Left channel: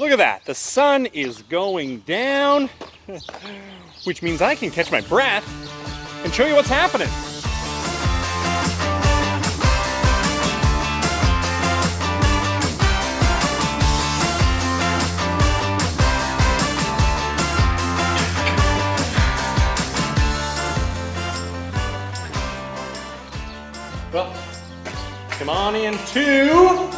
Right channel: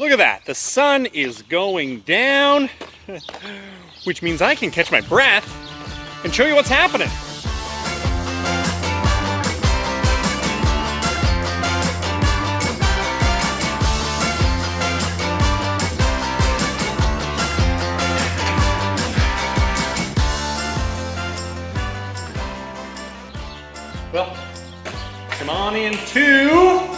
Look at that, the sun is going down, which means I can catch my breath and show you what's happening. Well, come on into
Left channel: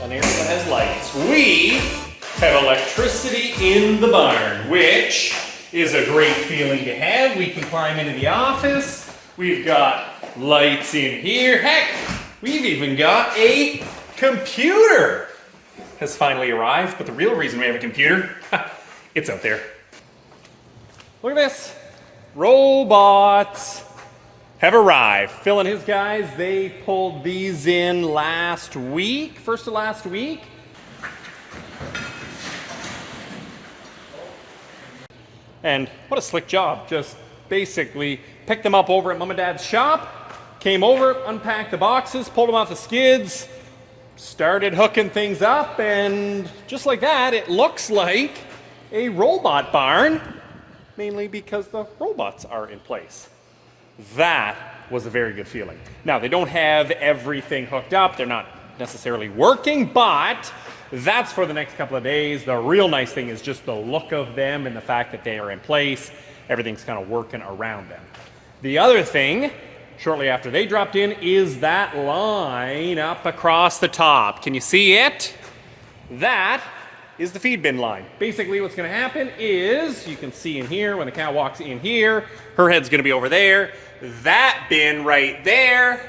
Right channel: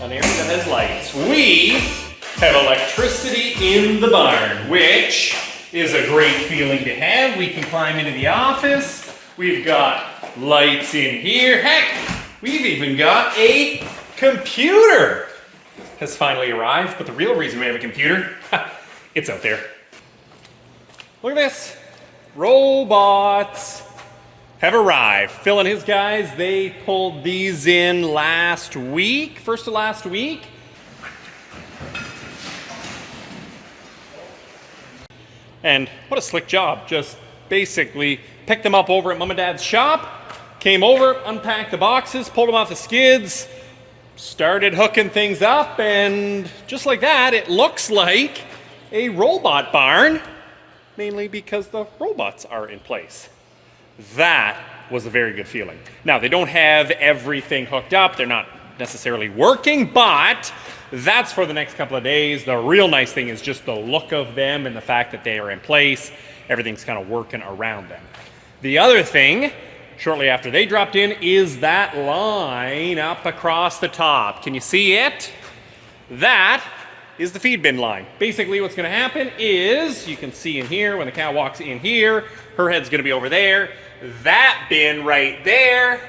an area that has lights. We have electricity in the barn, which is a great feeling to have. We can climb into the office. We've got lights in here. Heck, we've even got a computer has finally arrived. But the real reason we have a computer, it's out there. Look at this. Robots have arrived. Phil and his guys, they pulled these in last week, first of last week. And what a slick job. Just basically picked them up over at Mom and Dad's shop, came over, unpacked the boxes, pulled them off the skids, started hooking things up, and just like that, it looks like a robot barn, mainly because the robots are in place. That was a very good feeling. Now, they don't have everything hooked up. They're not necessarily working, but that's for the next couple of days. The real nice thing is just the look of them and the fact that they are in place. Everything's kind of working around them. The other thing, shortly after they dropped in, is that line up across the top. Can you see it? That is the feed bin line. Basically what's going to happen is, you can see in here, when the cow walks in here, her head's going to be over there. That bin right there,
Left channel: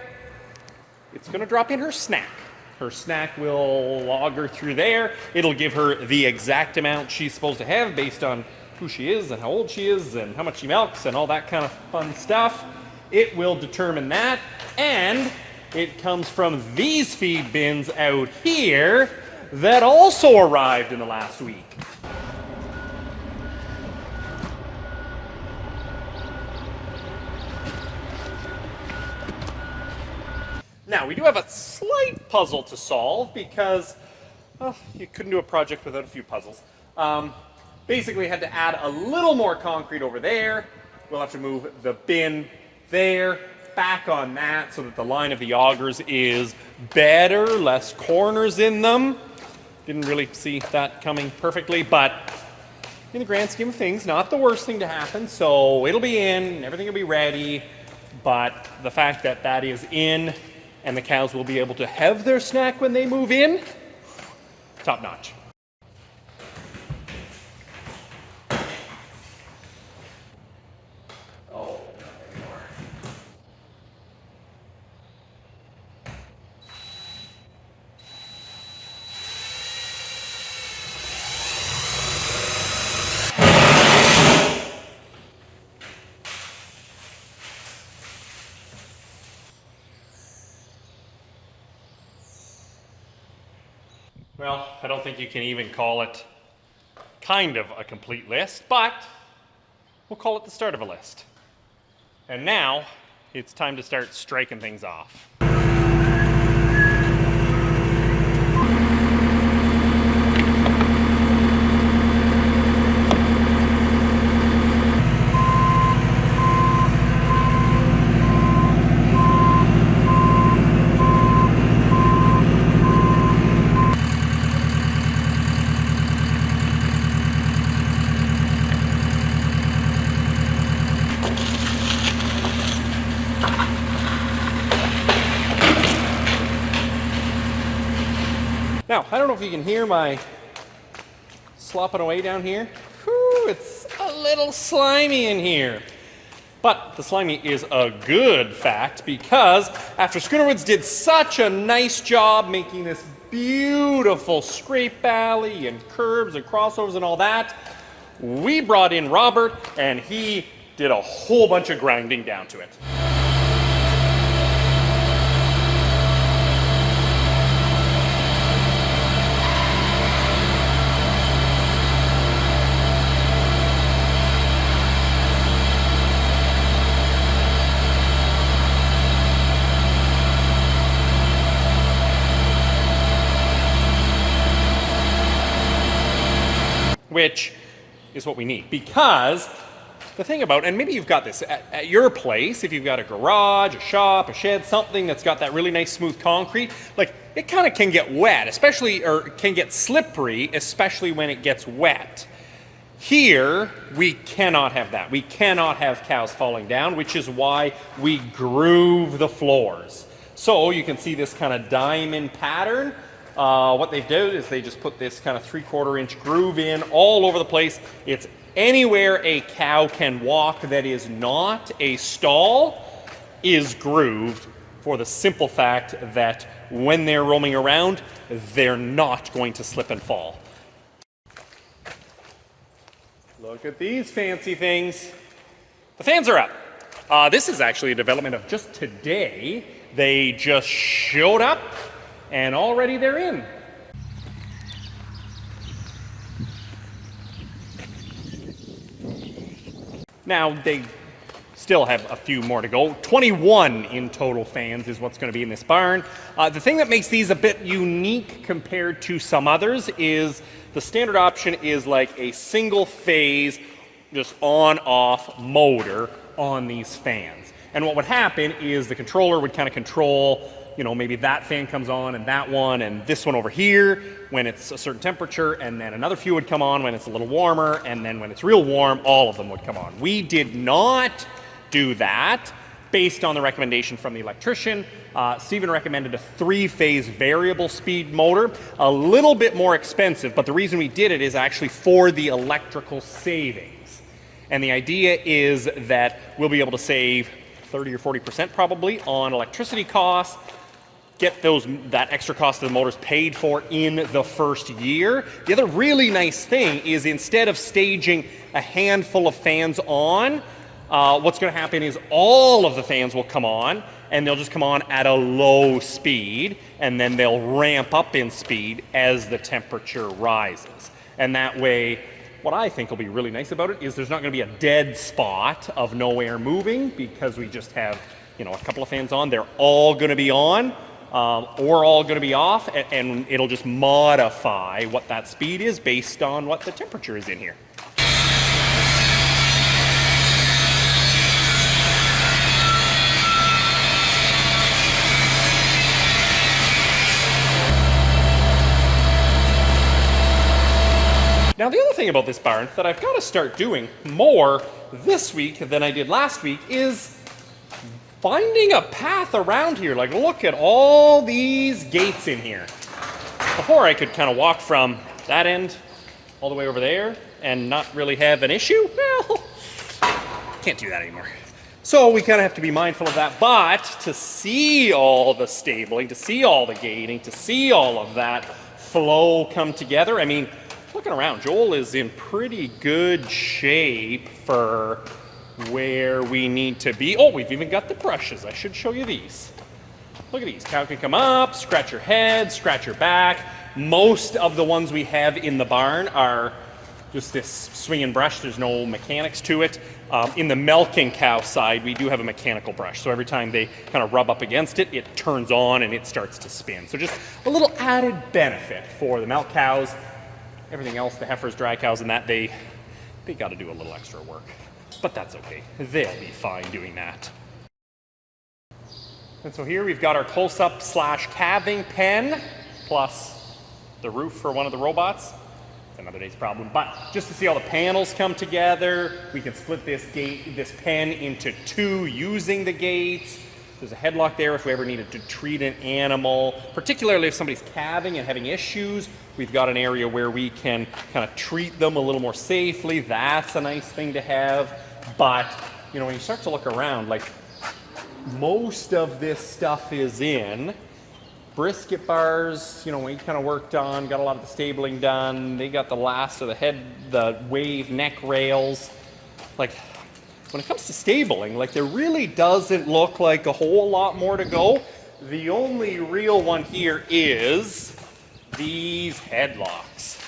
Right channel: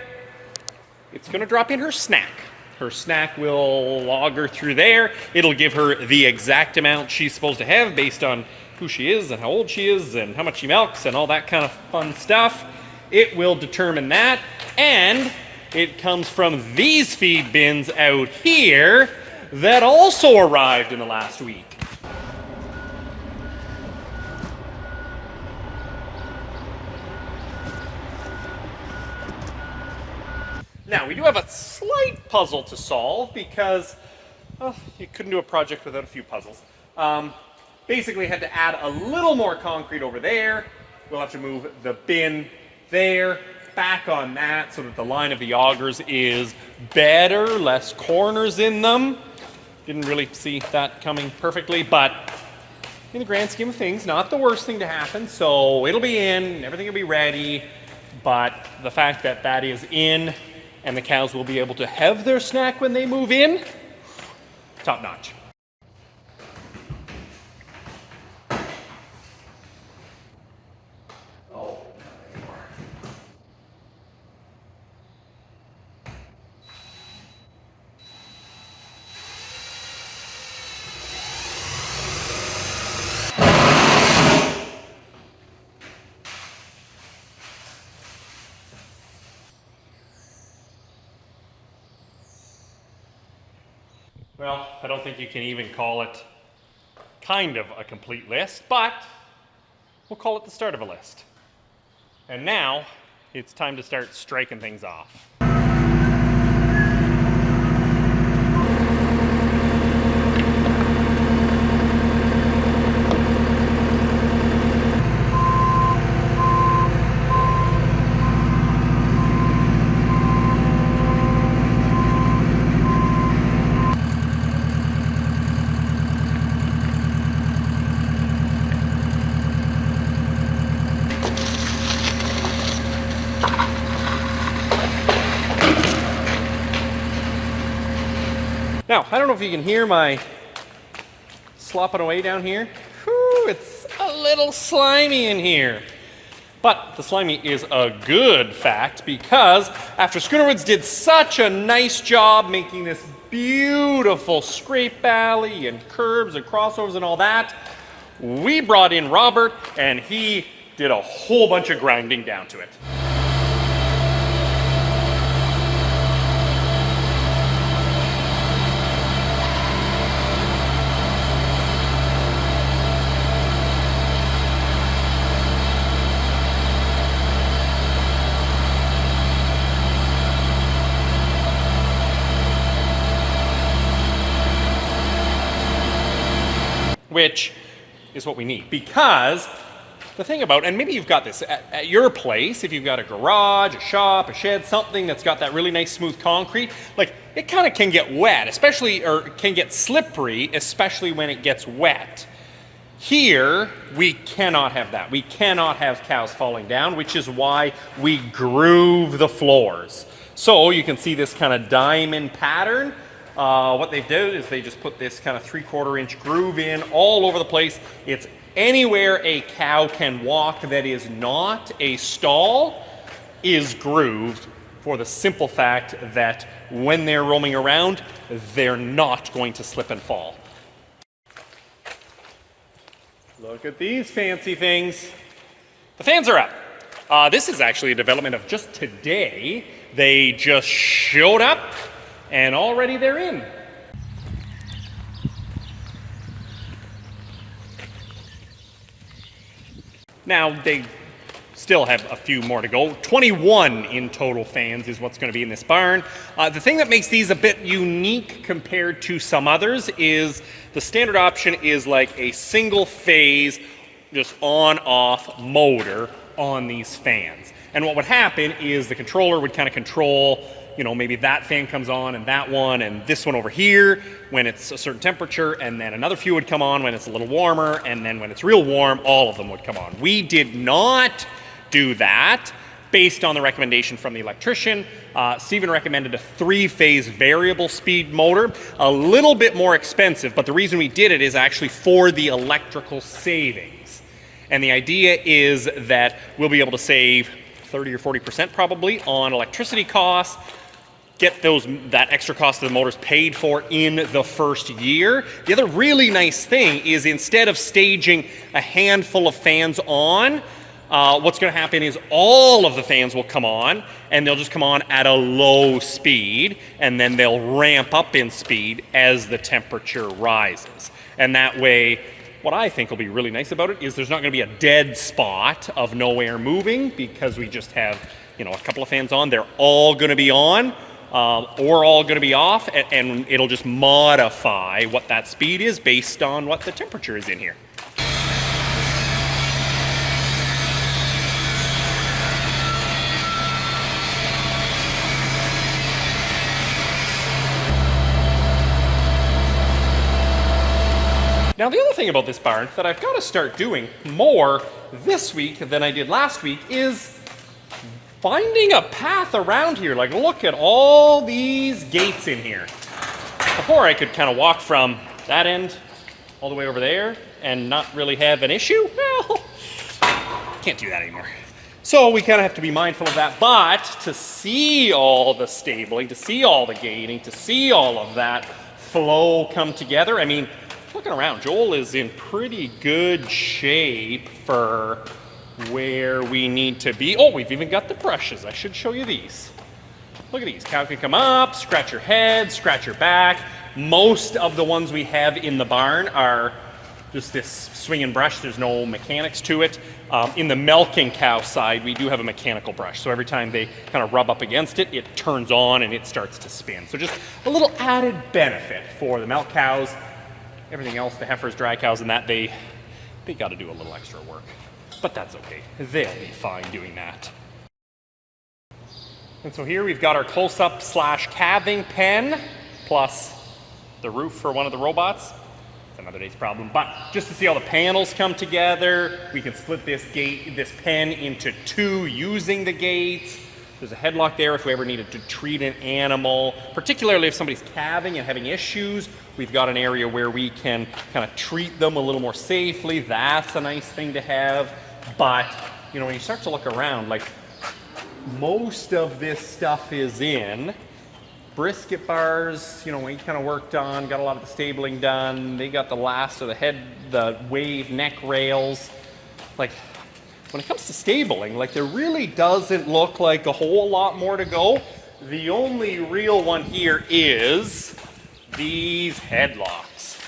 it's going to drop in her snack. Her snack will log her through there. It'll give her the exact amount she's supposed to have based on who she is and how old she is and how much she milks and all that kind of fun stuff. It will determine that, and it comes from these feed bins out here that also arrived in the last week. Now, we do have a slight puzzle to solve because you couldn't do a project without a few puzzles. Basically, had to add a little more concrete over there. We'll have to move the bin there, back on that so that the line of the augers is better, less corners in them. Didn't really see that coming perfectly, but in the grand scheme of things, not the worst thing to happen. So it'll be in, everything will be ready, but the fact that that is in and the cows will be able to have their snack when they move in, top notch. Well, I don't think you can even call it kind of a complete list, but we'll call it the start of a list. And now it's time to start striking things off. Now, I don't know if you can hear my slopping away down here. Whew, it's a little slimy in here. But the slimy is a good fact because after Schoonderwoerd did such a nice job making this beautiful scrape alley and curbs and crossovers and all that, we brought in Robert and he did a whole bunch of grinding down to it. which is what we need. Because the thing about, and maybe you've got this at your place, if you've got a garage, a shop, a shed, something that's got that really nice smooth concrete, like it kind of can get wet, especially, or can get slippery, especially when it gets wet. Here, we cannot have that. We cannot have cows falling down, which is why we groove the floors. So you can see this kind of diamond pattern. What they've done is they just put this kind of 3/4 inch groove in all over the place. It's anywhere a cow can walk that is not a stall is grooved, for the simple fact that when they're roaming around, they're not going to slip and fall. Look at these fancy things. The fans are up. This is actually a development of just today. They just showed up and already they're in. Now they still have a few more to go. 21 in total fans is what's going to be in this barn. The thing that makes these a bit unique compared to some others is the standard option is like a single phase, just on-off motor on these fans. And what would happen is the controller would kind of control, you know, maybe that fan comes on and that one and this one over here when it's a certain temperature, and then another few would come on when it's a little warmer, and then when it's real warm, all of them would come on. We did not do that based on the recommendation from the electrician. Stephen recommended a 3-phase variable speed motor, a little bit more expensive, but the reason we did it is actually for the electrical savings. And the idea is that we'll be able to save 30 or 40% probably on electricity costs, get that extra cost of the motors paid for in the first year. The other really nice thing is instead of staging a handful of fans on, what's going to happen is all of the fans will come on, and they'll just come on at a low speed, and then they'll ramp up in speed as the temperature rises. And that way, what I think will be really nice about it is there's not going to be a dead spot of no air moving, because we just have, you know, a couple of fans on. They're all going to be on, or all going to be off, and it'll just modify what that speed is based on what the temperature is in here. Now, the other thing about this barn that I've got to start doing more this week than I did last week is finding a path around here. Like, look at all these gates in here. Before, I could kind of walk from that end all the way over there and not really have an issue. Well, can't do that anymore. So we kind of have to be mindful of that. But to see all the stabling, to see all the gating, to see all of that flow come together, I mean, looking around, Joel is in pretty good shape for where we need to be. Oh, we've even got the brushes. I should show you these. Look at these. Cow can come up, scratch your head, scratch your back. Most of the ones we have in the barn are just this swinging brush. There's no mechanics to it. In the milking cow side, we do have a mechanical brush. So every time they kind of rub up against it, it turns on and it starts to spin. So just a little added benefit for the milk cows. Everything else, the heifers, dry cows, and that, they got to do a little extra work. But that's okay. They'll be fine doing that. And so here we've got our close-up / calving pen, plus the roof for one of the robots. It's another day's problem. But just to see all the panels come together, we can split this pen into 2 using the gates. There's a headlock there if we ever needed to treat an animal, particularly if somebody's calving and having issues. We've got an area where we can kind of treat them a little more safely. That's a nice thing to have. But, you know, when you start to look around, like, most of this stuff is in. Brisket bars, you know, we kind of worked on, got a lot of the stabling done. They got the last of the wave neck rails. Like, when it comes to stabling, like, there really doesn't look like a whole lot more to go. The only real one here is these headlocks.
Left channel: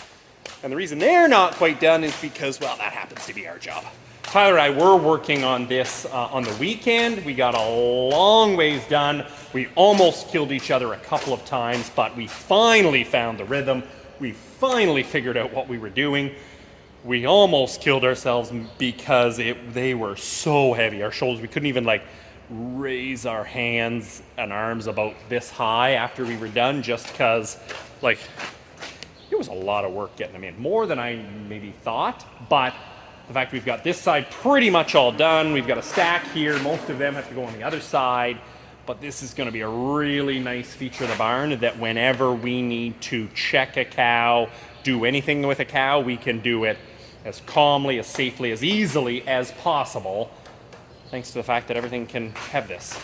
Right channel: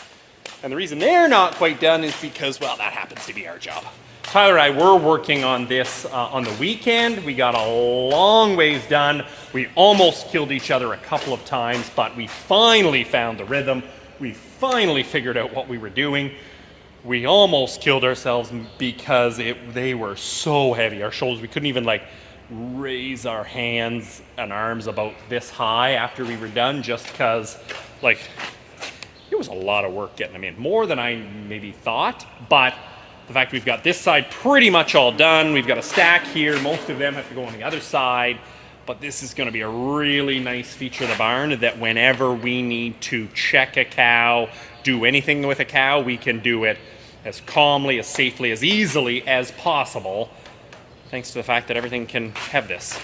And the reason they're not quite done is because, well, that happens to be our job. Tyler and I were working on this on the weekend. We got a long ways done. We almost killed each other a couple of times, but we finally found the rhythm. We finally figured out what we were doing. we almost killed ourselves because they were so heavy. Our shoulders, we couldn't even like raise our hands and arms about this high after we were done, just because like it was a lot of work getting them in, more than I maybe thought. But the fact we've got this side pretty much all done, we've got a stack here, most of them have to go on the other side, but this is going to be a really nice feature of the barn that whenever we need to check a cow, do anything with a cow, we can do it as calmly, as safely, as easily as possible, thanks to the fact that everything can have this.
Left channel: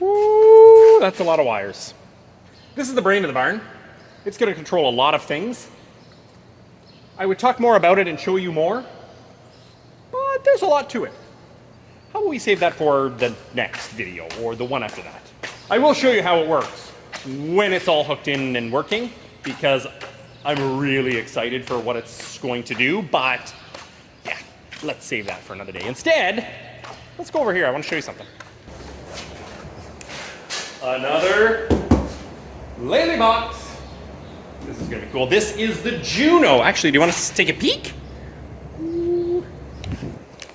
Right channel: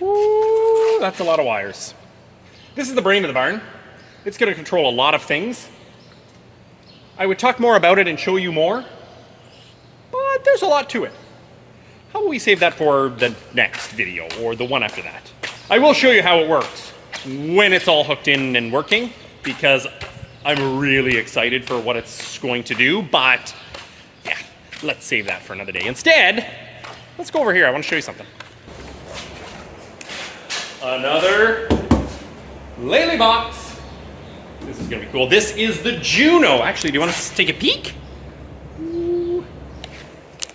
Woo, that's a lot of wires. This is the brain of the barn. It's going to control a lot of things. I would talk more about it and show you more, but there's a lot to it. How will we save that for the next video or the one after that? I will show you how it works when it's all hooked in and working, because I'm really excited for what it's going to do, but yeah, let's save that for another day. Instead, let's go over here. I want to show you something. Another Lely box. This is going to be cool. This is the Juno. Actually, do you want to take a peek? Ooh.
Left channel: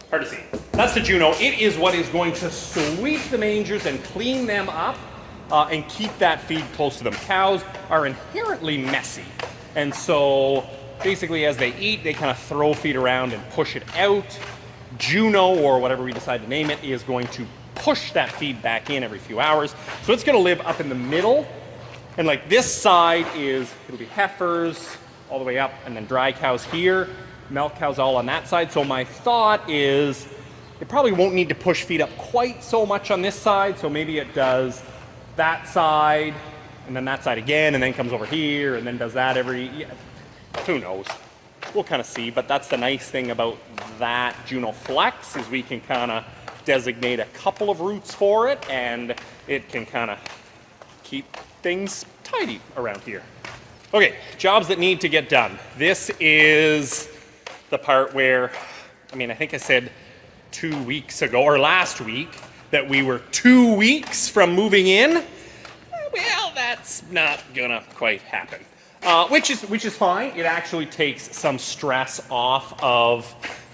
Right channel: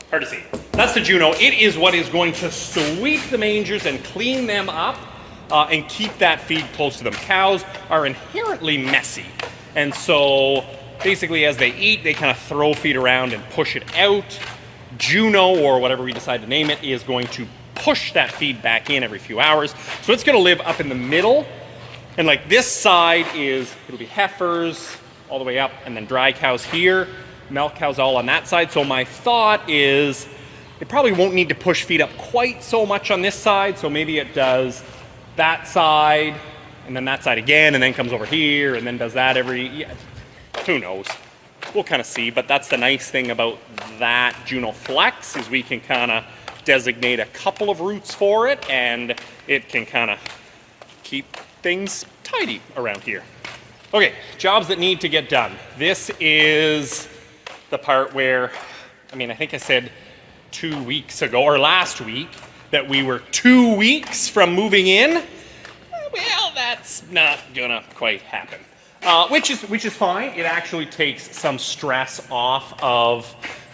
Hard to see. That's the Juno. It is what is going to sweep the mangers and clean them up and keep that feed close to them. Cows are inherently messy. And so basically as they eat, they kind of throw feed around and push it out. Juno, or whatever we decide to name it, is going to push that feed back in every few hours. So it's going to live up in the middle. And like this side it'll be heifers all the way up, and then dry cows here, milk cows all on that side. So my thought is it probably won't need to push feed up quite so much on this side. So maybe it does that side, and then that side again, and then comes over here, and then does that who knows? We'll kind of see, but that's the nice thing about that Juno Flex, is we can kind of designate a couple of routes for it, and it can kind of keep things tidy around here. Okay, jobs that need to get done. This is the part where, I think I said 2 weeks ago, or last week, that we were 2 weeks from moving in. Well, that's not gonna quite happen. Which is fine. It actually takes some stress off of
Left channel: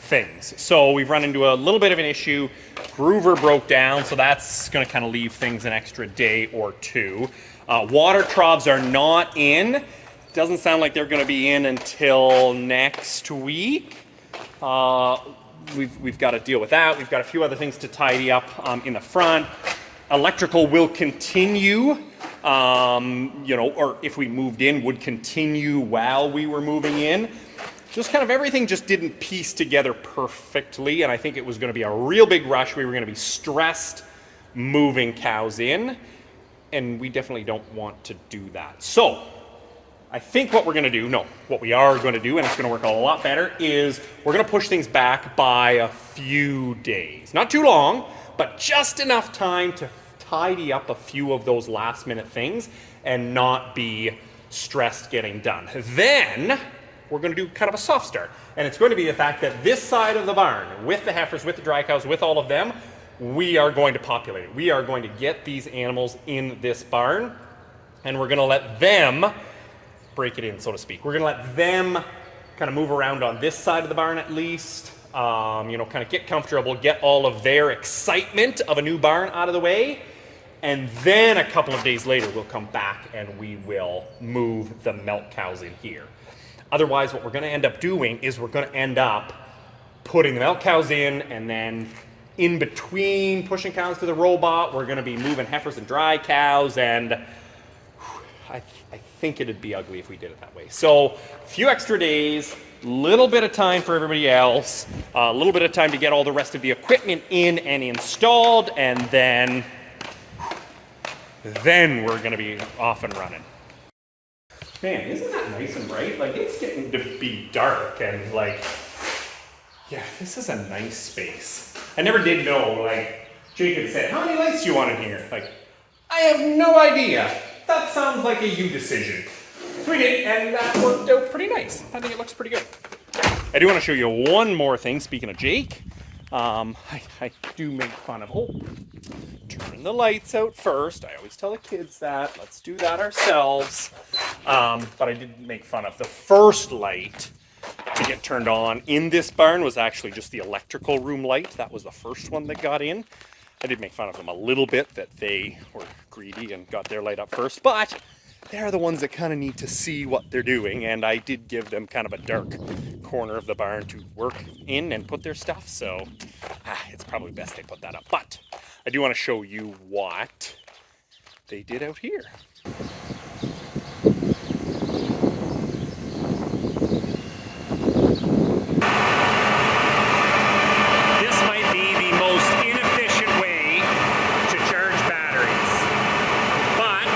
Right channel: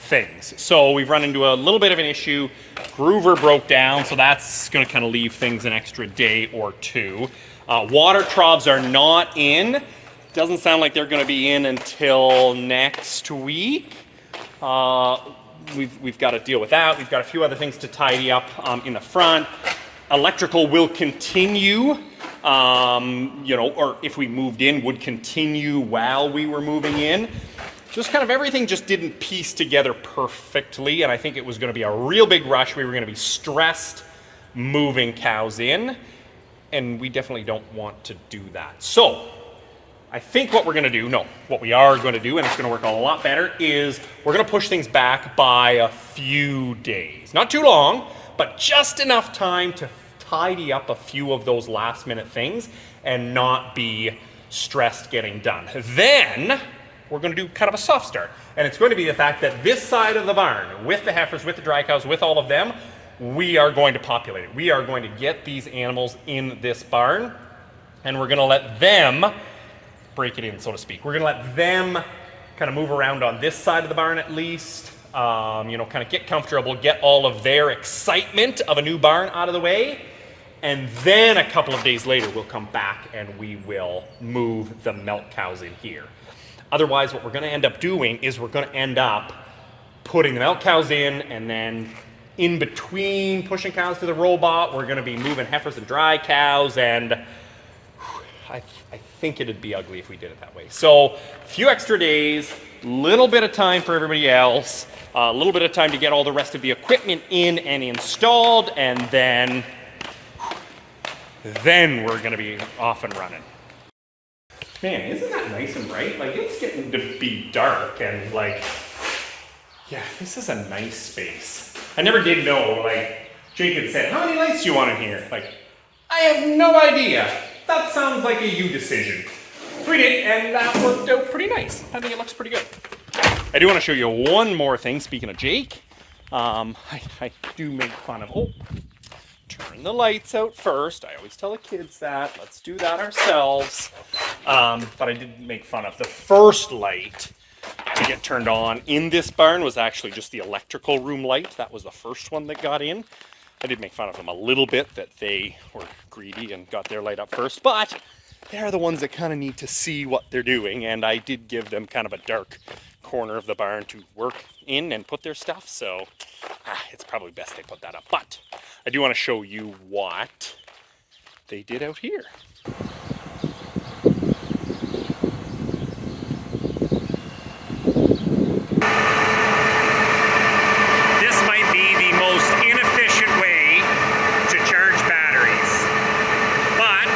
things. So we've run into a little bit of an issue. Groover broke down, so that's gonna kind of leave things an extra day or two. Water troughs are not in. Doesn't sound like they're gonna be in until next week. We've got to deal with that. We've got a few other things to tidy up in the front. Electrical will continue, or if we moved in, would continue while we were moving in. Just kind of everything just didn't piece together perfectly, and I think it was going to be a real big rush. We were going to be stressed moving cows in, and we definitely don't want to do that. So I think what we are going to do, and it's going to work a lot better, is we're going to push things back by a few days. Not too long, but just enough time to tidy up a few of those last minute things and not be stressed getting done. Then we're going to do kind of a soft start. And it's going to be the fact that this side of the barn, with the heifers, with the dry cows, with all of them, we are going to populate it. We are going to get these animals in this barn, and we're going to let them break it in, so to speak. We're going to let them kind of move around on this side of the barn at least, kind of get comfortable, get all of their excitement of a new barn out of the way, and then a couple of days later we'll come back and we will move the milk cows in here. Otherwise, what we're going to end up doing is we're going to end up putting the milk cows in, and then in between pushing cows to the robot, we're going to be moving heifers and dry cows, and I think it'd be ugly if we did it that way. So a few extra days, little bit of time for everybody else, a little bit of time to get all the rest of the equipment in and installed, and then we're going to be off and running. Man, isn't that nice and bright? Like, it's getting to be dark, and yeah, this is a nice space. I never did know, Jake had said, how many lights do you want in here? I have no idea. That sounds like a you decision. We did, and that worked out pretty nice. I think it looks pretty good. I do want to show you one more thing, speaking of Jake. I do make fun of, turn the lights out first. I always tell the kids that. Let's do that ourselves. But I did make fun of the first light. to get turned on in this barn was actually just the electrical room light. That was the first one that got in. I did make fun of them a little bit that they were greedy and got their light up first, but they're the ones that kind of need to see what they're doing, and I did give them kind of a dark corner of the barn to work in and put their stuff, so it's probably best they put that up. But I do want to show you what they did out here. This might be the most inefficient way to charge batteries, but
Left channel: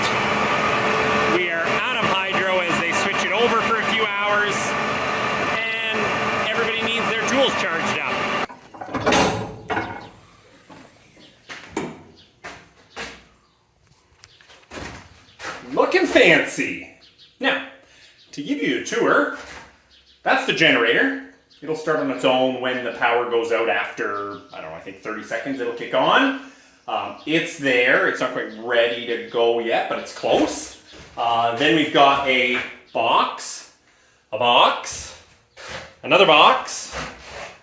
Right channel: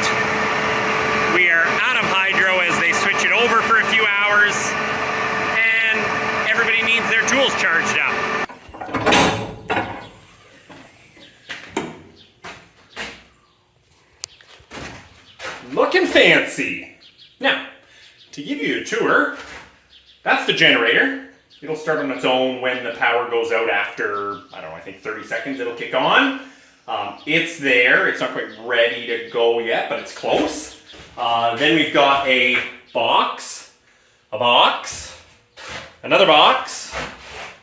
we are out of hydro as they switch it over for a few hours, and everybody needs their tools charged up. Looking fancy. Now, to give you a tour, that's the generator. It'll start on its own when the power goes out after, I don't know, I think 30 seconds it'll kick on. It's there. It's not quite ready to go yet, but it's close. Then we've got a box, another box,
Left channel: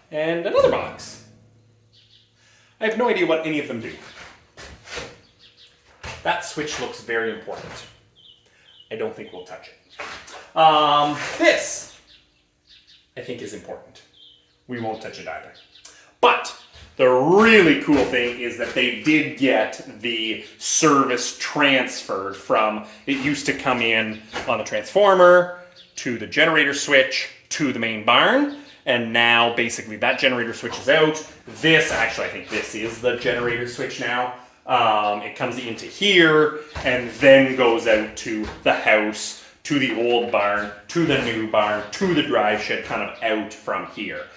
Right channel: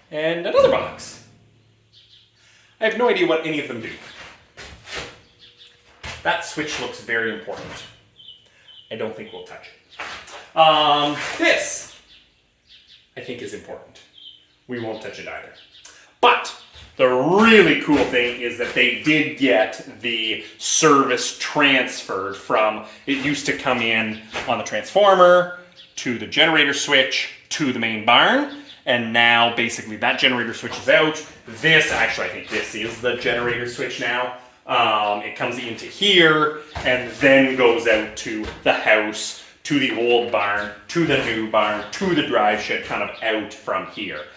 and another box. I have no idea what any of them do. That switch looks very important. I don't think we'll touch it. This, I think, is important. We won't touch it either. But the really cool thing is that they did get the service transferred from, it used to come in on the transformer to the generator switch to the main barn. And now basically that generator switch is out. This, actually, I think this is the generator switch now. It comes into here and then goes out to the house, to the old barn, to the new barn, to the drive shed, kind of out from here.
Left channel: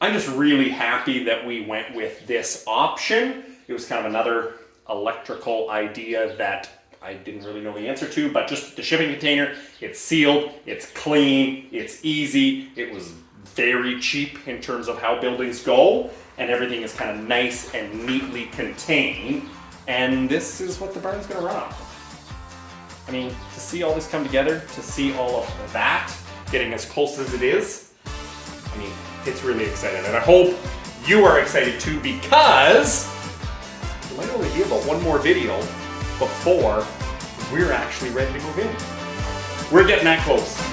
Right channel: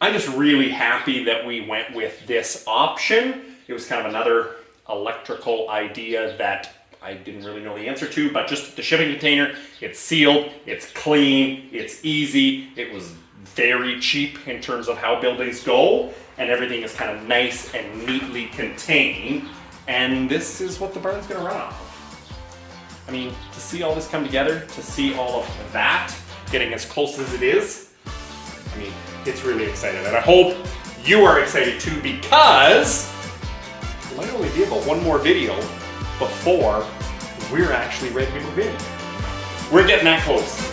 I'm just really happy that we went with this option. It was kind of another electrical idea that I didn't really know the answer to, but just the shipping container, it's sealed, it's clean, it's easy, it was very cheap in terms of how buildings go, and everything is kind of nice and neatly contained, and this is what the barn's gonna run off of. I mean, to see all this come together, to see all of that getting as close as it is, I mean, it's really exciting, and I hope you are excited too, because there might only be about one more video before we're actually ready to move in. We're getting that close.